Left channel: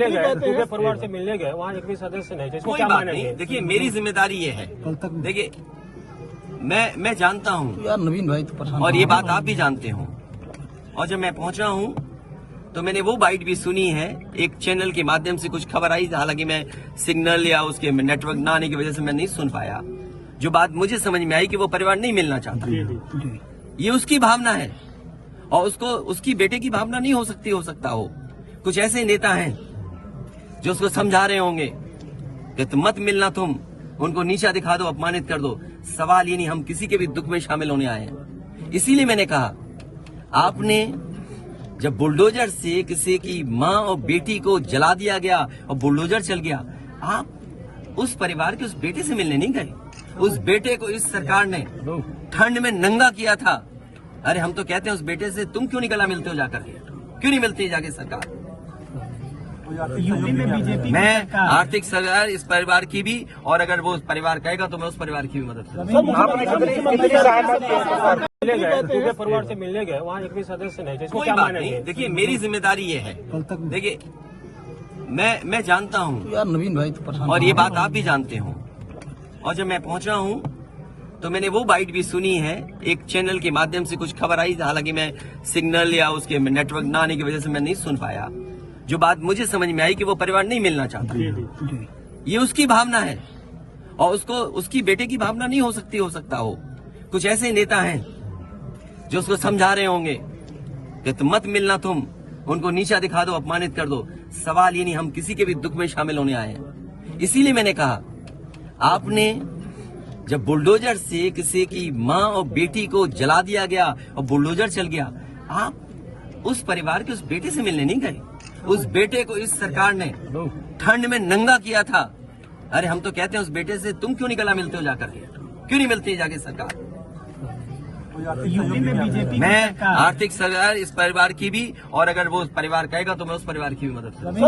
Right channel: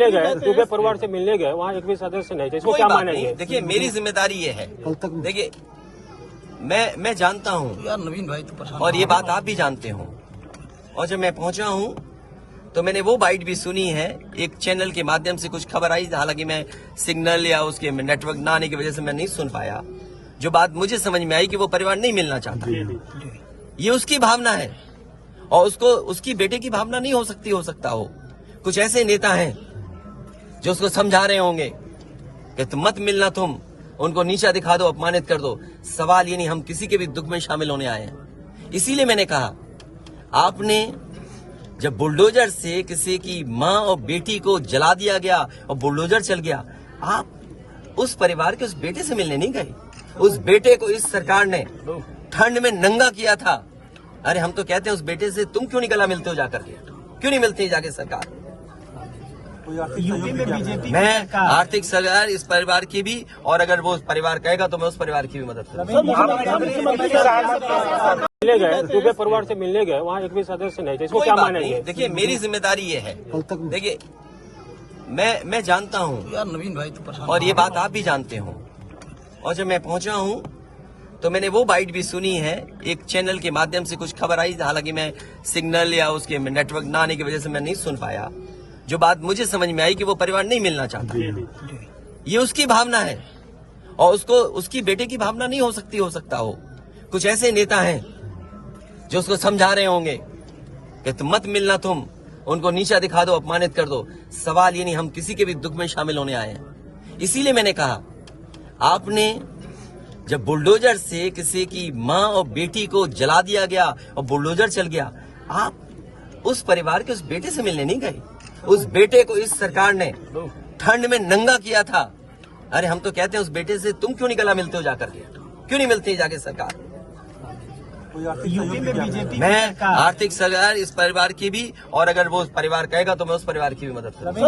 मिलने गए, क्योंकि परिवार से मिलने गए, वहाँ एक भी सदस्य नहीं थे, इसको क्या माना है? देखिए मेरी जिम्मेदारी ये है, देखिए मैं जानता हूँ यार नवीन भाई तो परेशान और ये बात आप भी जानते हो, और जब मैं पहुंचा हूँ तो मैंने वो बाइट भी सुनी है, एक चैनल के माध्यम से कुछ खबर आई, हालांकि मैं सिग्नल या उसके नेटवर्क ना आने की वजह से मैं नहीं सुन पाया। जो बात मुझे समझ में आई कि वो परिवार नहीं मिलना चाहता, ये उसकी भावना है और उसको उसकी बेटे की भावना नहीं हो सकता हो। कुछ ऐसे नेता हैं जो उसको समझा रहे होंगे कि तुम मत मिलना, तुम उनको नीचा दिखा दो, अपमानित कर दो। सवाल ये नहीं, हम किसी के भी दुख में शामिल होने आए हैं। इसीलिए मैंने कहा, आपने जब बुलडोजर से किसी की माँ और बेटी को जला दिया गया और बुलडोजर चल गया, आप उस परिवार के उस बेटे से मिलने नहीं गए। उस बेटे को इस सरकार ने ठंड में नंगा किया था। अरे हम तो कहते हैं उस बेटे से तुम क्यों नहीं गला मिलते हो जाकर, क्यों नहीं मिलती जाके सरकार? यूपी में बीजेपी मैं आर्थिक सहायता इस परिवार की भी, और अगर वो परिवार कहेगा तो मैं उस परिवार की भी मदद करूंगा। मिलने गए, क्योंकि परिवार से मिलने गए, वहाँ एक भी सदस्य नहीं थे, इसको क्या माना है? देखिए मेरी जिम्मेदारी ये है, देखिए मैं जानता हूँ यार नवीन भाई तो परेशान और ये बात आप भी जानते हो, और जब मैं पहुंचा हूँ तो मैंने वो बाइट भी सुनी है, एक चैनल के माध्यम से कुछ खबर आई, हालांकि मैं सिग्नल या उसके नेटवर्क ना आने की वजह से मैं नहीं सुन पाया। जो बात मुझे समझ में आई कि वो परिवार नहीं मिलना चाहता, ये उसकी भावना है और उसको उसकी बेटे की भावना नहीं हो सकता हो। कुछ ऐसे नेता हैं जो उसको समझा रहे होंगे कि तुम मत मिलना, तुम उनको नीचा दिखा दो, अपमानित कर दो। सवाल ये नहीं, हम किसी के भी दुख में शामिल होने आए हैं। इसीलिए मैंने कहा, आपने जब बुलडोजर से किसी की माँ और बेटी को जला दिया गया और बुलडोजर चल गया, आप उस परिवार के उस बेटे से मिलने नहीं गए। उस बेटे को इस सरकार ने ठंड में नंगा किया था। अरे हम तो कहते हैं उस बेटे से तुम क्यों नहीं गला मिलते हो जाकर, क्यों नहीं मिलती जाके सरकार? यूपी में बीजेपी मैं आर्थिक सहायता इस परिवार की भी, और अगर वो परिवार कहेगा तो मैं उस परिवार की भी मदद करूंगा।